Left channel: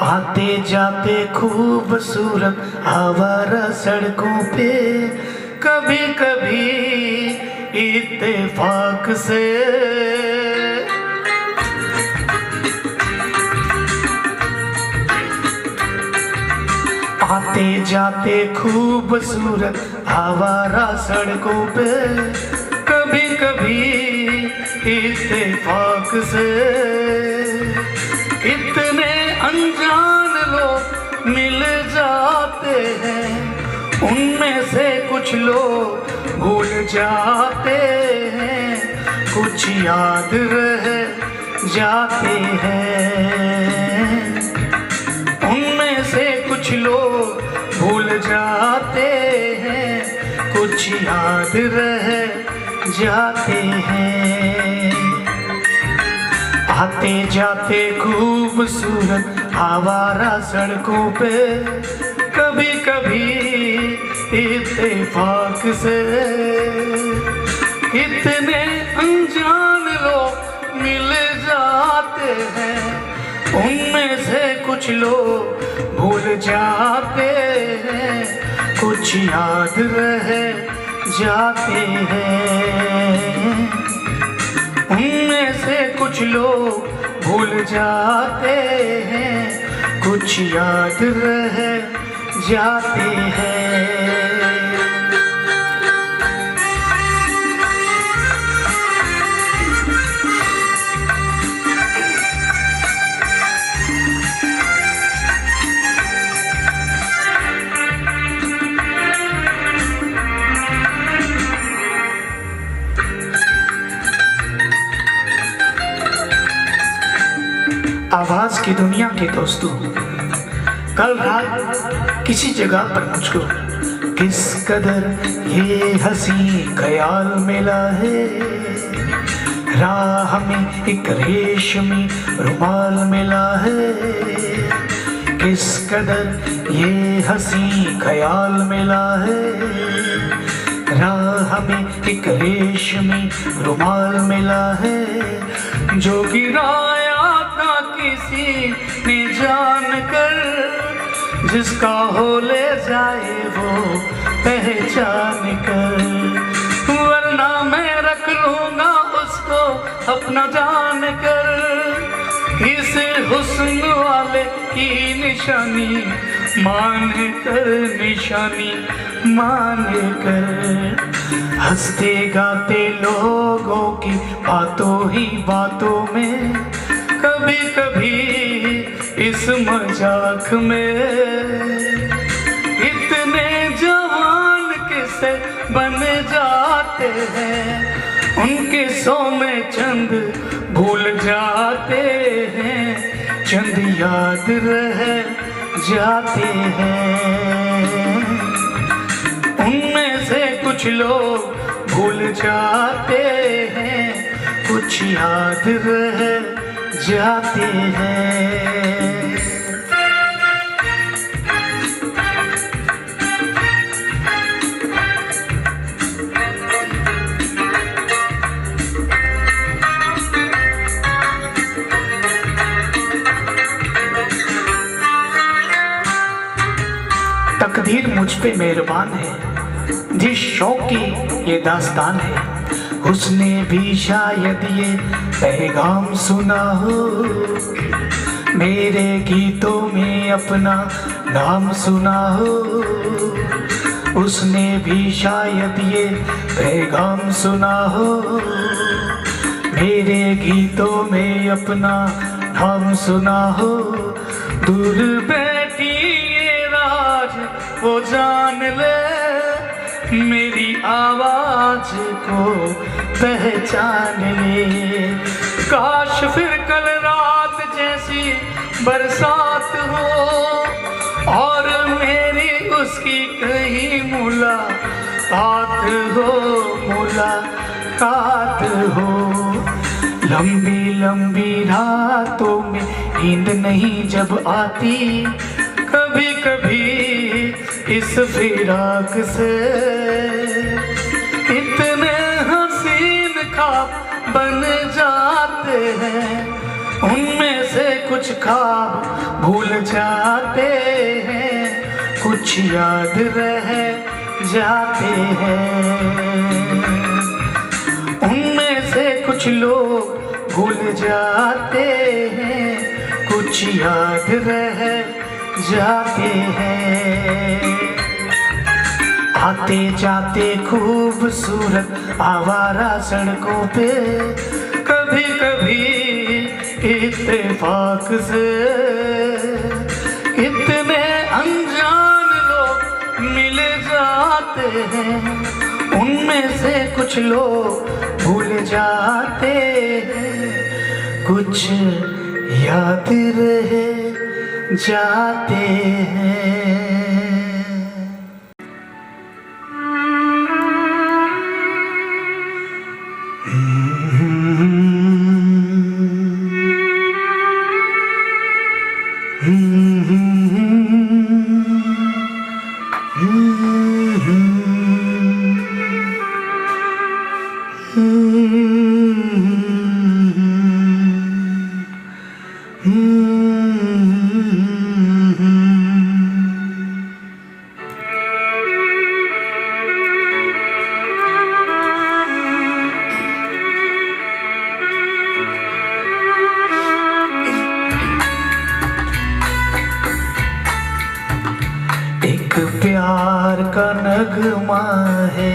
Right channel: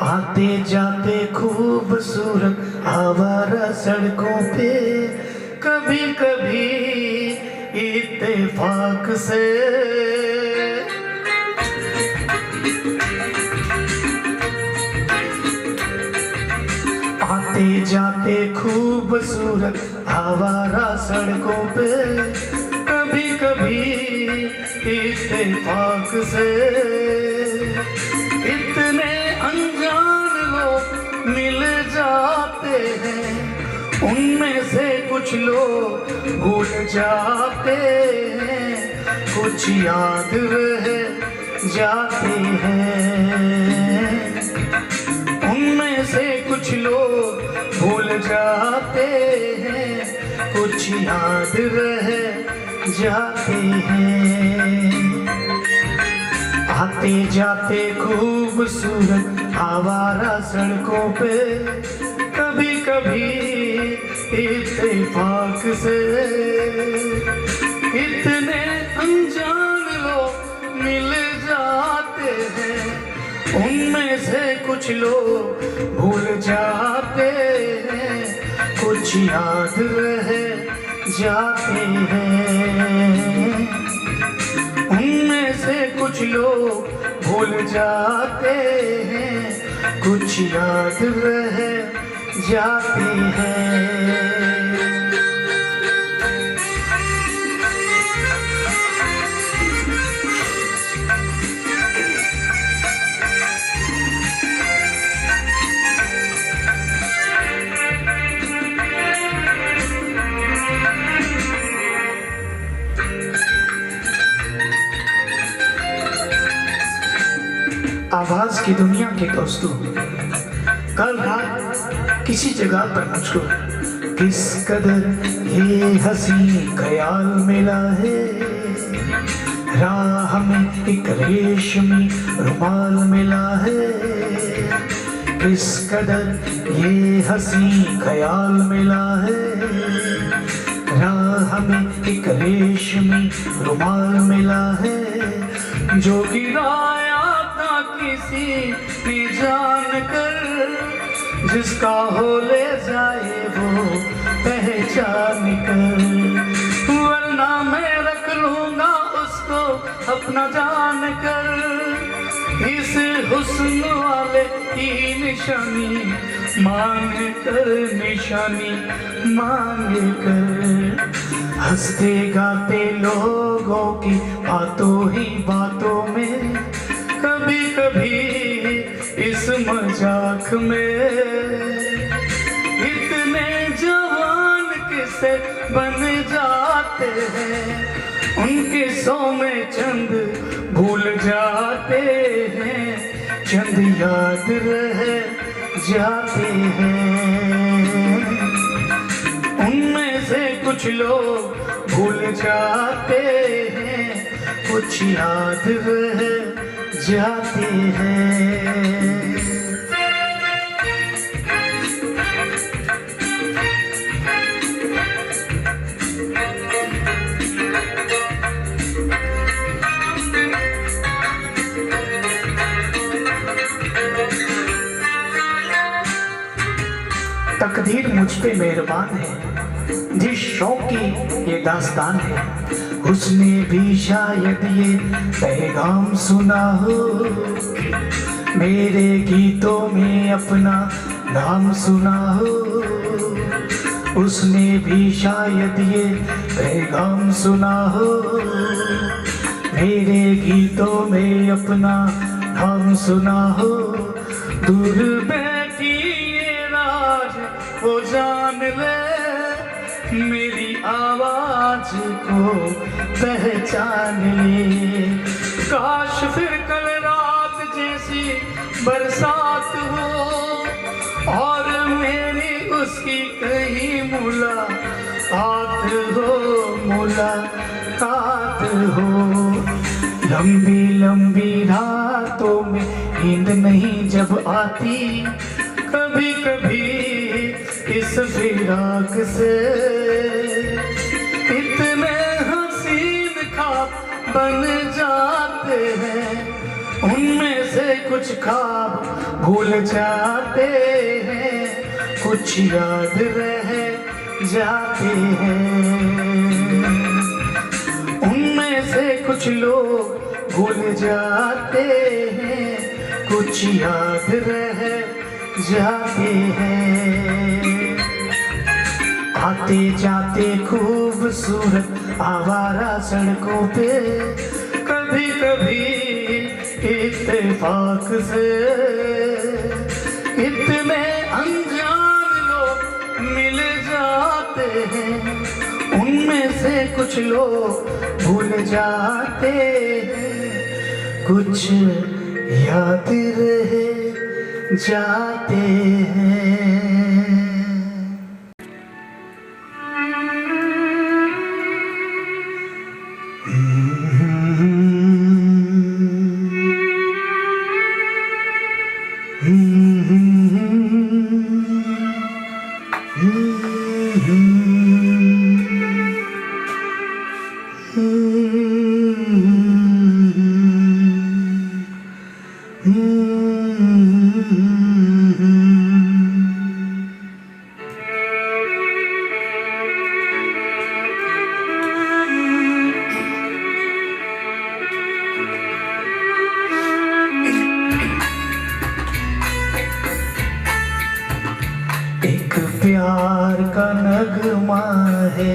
आते जाते खूबसूरत आवारा सड़कों पे कभी कभी इत्तेफाक से आते जाते खूबसूरत आवारा सड़कों पे कभी कभी इत्तेफाक से इतने अनजान लोग मिल जाते हैं, उनमें से कुछ लोग भूल जाते हैं, कुछ याद रह जाते हैं। उनमें से कुछ लोग भूल जाते हैं, कुछ याद रह जाते हैं। आते जाते खूबसूरत आवारा सड़कों पे कभी कभी इत्तेफाक से इतने अनजान लोग मिल जाते हैं, उनमें से कुछ लोग भूल जाते हैं, कुछ याद रह जाते हैं। उनमें से कुछ लोग भूल जाते हैं, कुछ याद रह जाते हैं। आवाज की दुनिया के दोस्तों, कल रात किसी जगह पर मुझको किस कदर ये हंसी ख्याल मिला है। राह में एक रेशमी रुमाल मिला है, किस कदर ये हंसी ख्याल मिला है। राह में एक रेशमी रुमाल मिला है, जो गिराया किसी ने जान कर, जिसका हो ले जाए वो पहचान कर। वरना मैं रख लूंगा उसको अपना जान कर, इस हुस्न वाले की निशानी मान कर, निशानी मान कर। हंसते गाते लोगों की बातों ही बातों में, कभी कभी इस मजाक में इतने जवान किस्से बन जाते हैं, उनके सौ में चंद भूल जाते हैं, चंद याद रह जाते हैं। उनमें से कुछ लोग भूल जाते हैं, कुछ याद रह जाते हैं। तकदीर मुझ पे मेहरबान है, जिस शौक की ये दास्तान है, उसने भी शायद ये पैगाम सुना हो। मेरे गीतों में अपना नाम सुना हो, उसने भी शायद ये पैगाम सुना हो। मेरे गीतों में अपना नाम सुना हो। दूर बैठी ये राज वो जान ले, मेरी आवाज को पहचान ले। काश फिर कल रात जैसी बरसात हो और मेरी उसकी कहीं मुलाकात हो, मुलाकात हो। लंबी लंबी रातों में नींद नहीं जब आती, कभी कभी इस फिराक से इतने हसीन ख्वाब बन जाते हैं, उनमें से कुछ ख्वाब भूल जाते हैं, कुछ याद रह जाते हैं। उनमें से कुछ लोग भूल जाते हैं, कुछ याद रह जाते हैं। आते जाते खूबसूरत आवारा सड़कों पे कभी कभी इत्तेफाक से इतने अनजान लोग मिल जाते हैं, उनमें से कुछ लोग भूल जाते हैं, कुछ याद रह जाते हैं। एक प्यार का नगमा है,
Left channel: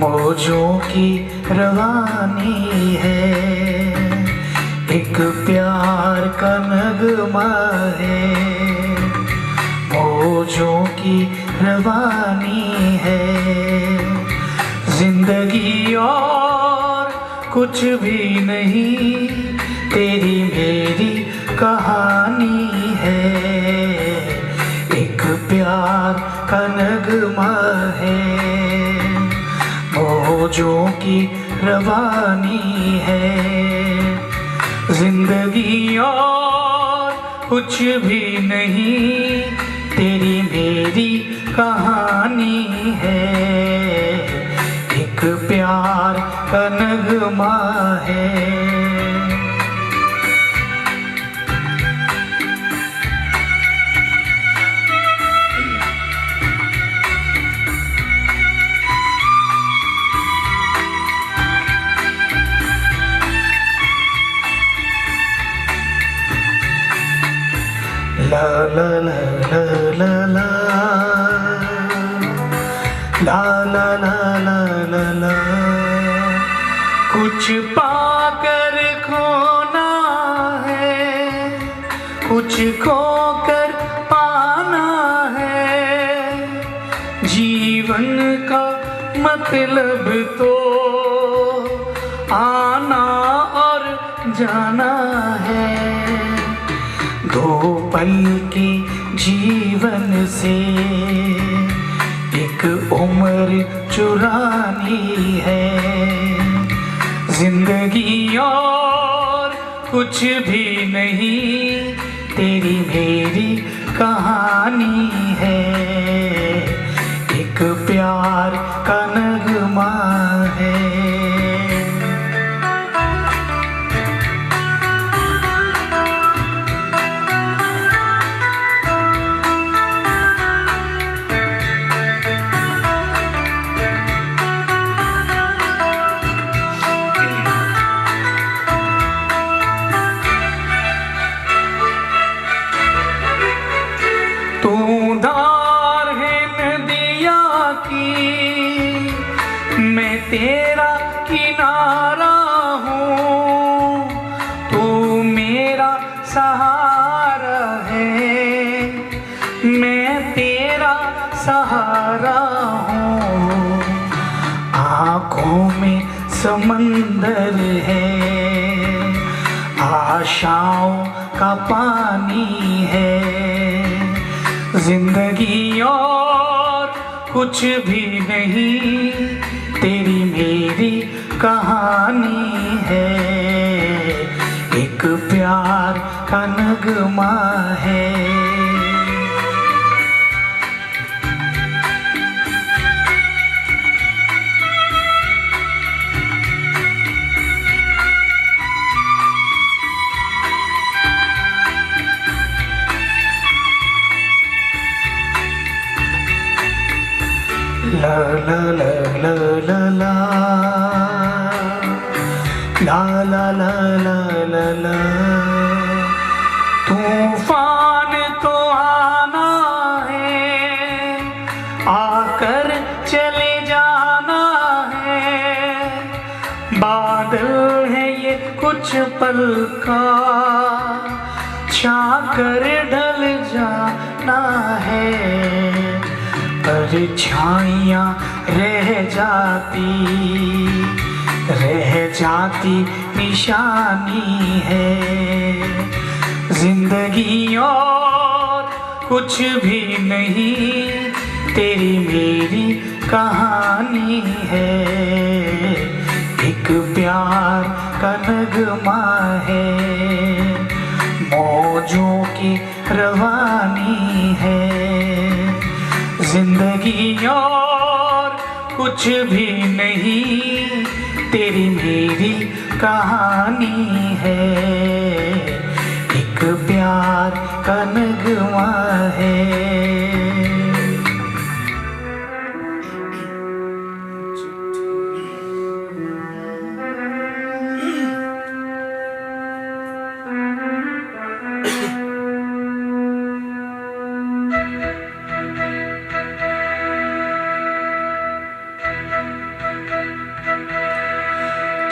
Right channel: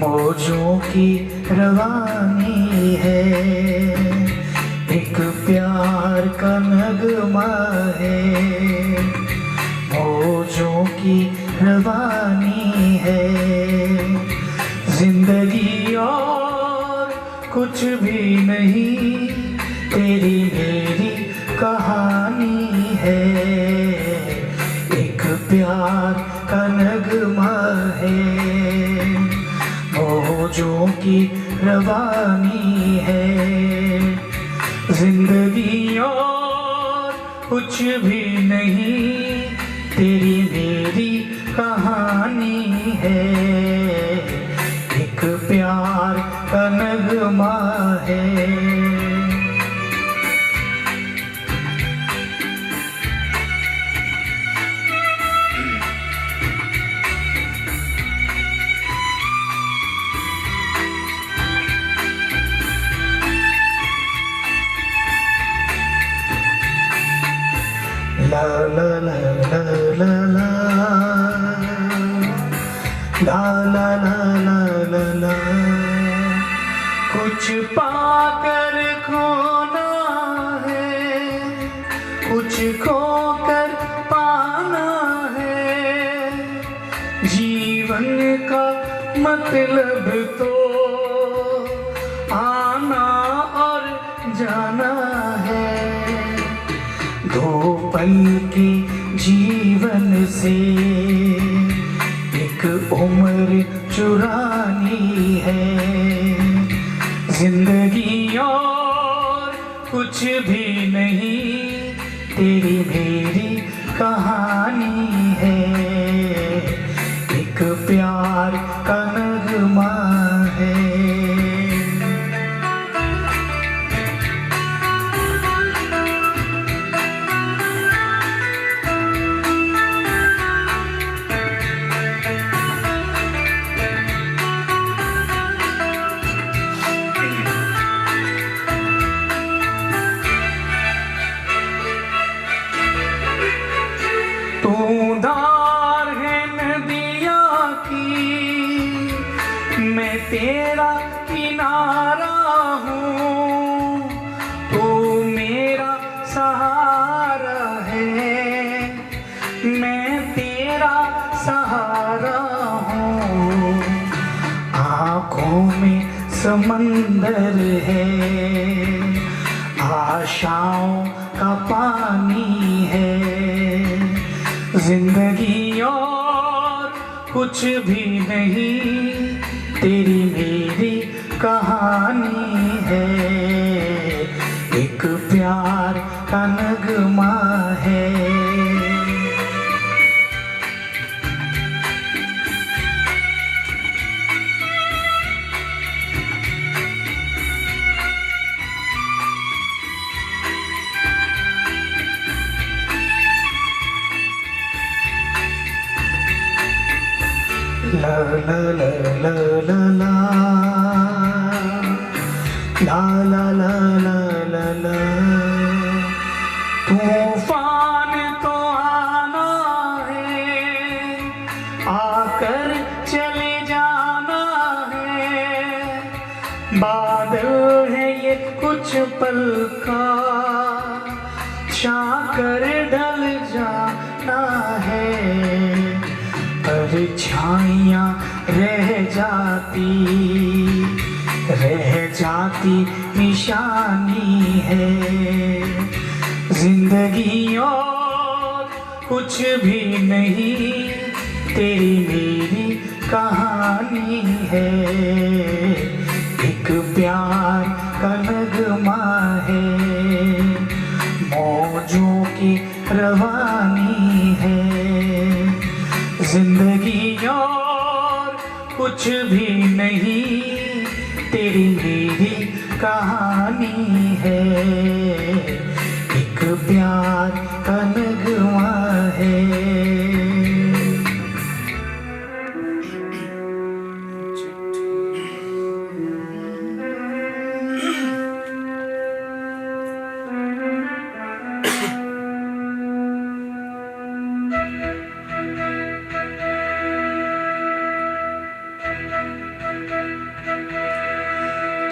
मौजों की रवानी है। एक प्यार का नगमा है, मौजों की रवानी है। जिंदगी और कुछ भी नहीं, तेरी मेरी कहानी है। एक प्यार का नगमा है, मौजों की रवानी है। जिंदगी और कुछ भी नहीं, तेरी मेरी कहानी है। एक प्यार का नगमा है। La la la la la la la la la la la la। कुछ पाकर खोना है, कुछ खोकर पाना है। जीवन का मतलब तो आना और जाना है। दो पल की जीवन से एक उम्र चुरानी है। जिंदगी और कुछ भी नहीं, तेरी मेरी कहानी है। एक प्यार का नगमा है। तू धार है नदिया की, मैं तेरा किनारा हूँ। तू मेरा सहारा है, मैं तेरा सहारा हूँ। आँखों में समंदर है, आशाओं का पानी है। जिंदगी और कुछ भी नहीं, तेरी मेरी कहानी है। एक प्यार का नगमा है। ला ला ला ला ला ला ला ला ला ला ला ला। तूफान तो आना है, आकर चले जाना है। बादल है ये कुछ पल का, छाकर ढल जाना है। परछाइयाँ रह जाती निशानी है। जिंदगी और कुछ भी नहीं, तेरी मेरी कहानी है। एक प्यार का नगमा है, मौजों की रवानी है। जिंदगी और कुछ भी नहीं, तेरी मेरी कहानी है। एक प्यार का नगमा है।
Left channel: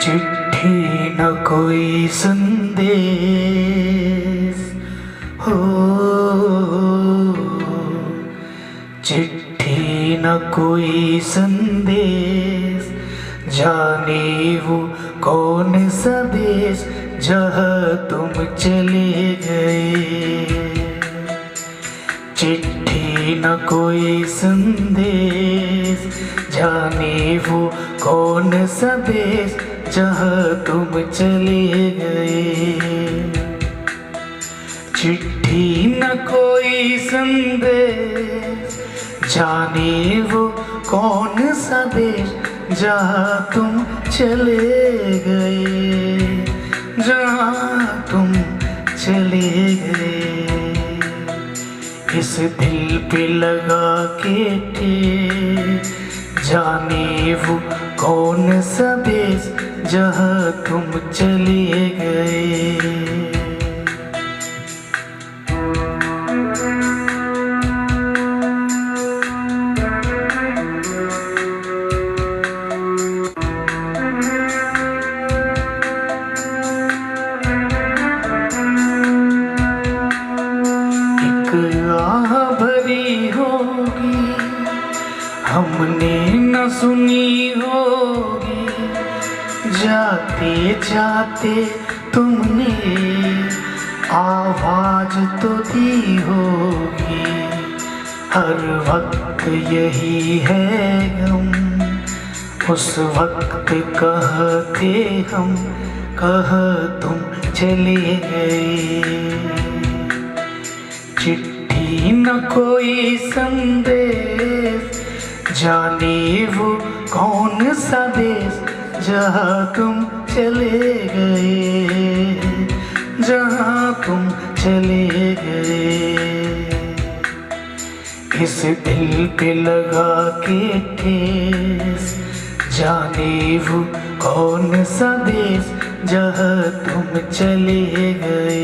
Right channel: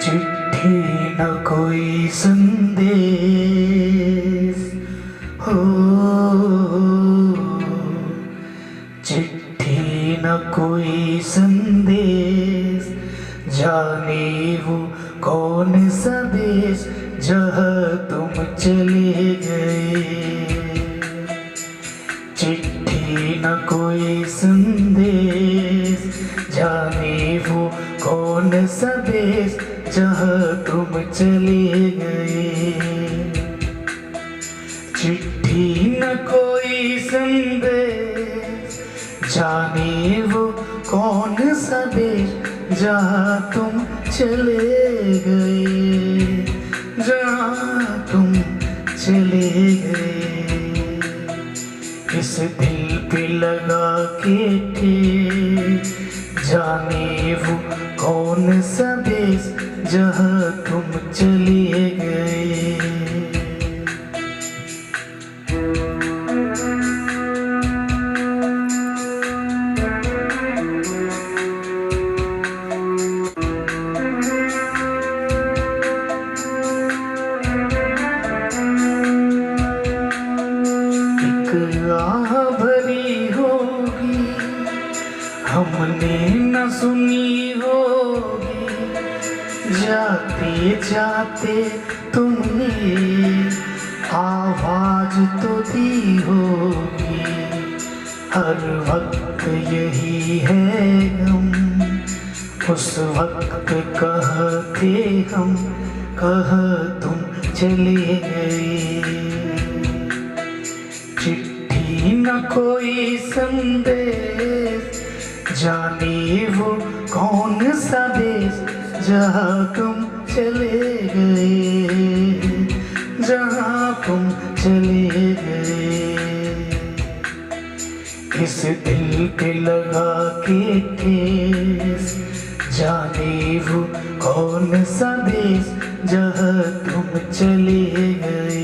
चिट्ठी न कोई संदेश हो, चिट्ठी न कोई संदेश। जाने वो कौन सा देश जहाँ तुम चले गए। चिट्ठी न कोई संदेश, जाने वो कौन सा देश जहाँ तुम चले गए। चिट्ठी न कोई संदेश, जाने वो कौन सा देश जहाँ तुम चले गए। जहाँ तुम चले गए। इस दिल पे लगा के थे, जाने वो कौन सा देश जहाँ तुम चले गए। एक आह भरी होगी, हमने न सुनी होगी। जाते जाते तुमने आवाज तो दी होगी। हर वक्त यही है गम, उस वक्त कहते हम, कह तुम चले गए। चिट्ठी न कोई संदेश, जाने वो कौन सा देश जहाँ तुम चले गए। जहाँ तुम चले गए। इस दिल पे लगा के ठेस, जाने वो कौन सा देश जहाँ तुम चले गए।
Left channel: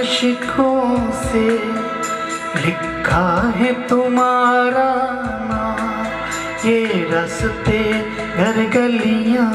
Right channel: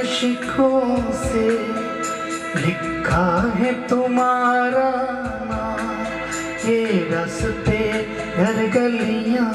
अशकों से लिखा है तुम्हारा नाम, ये रास्ते घर गलियां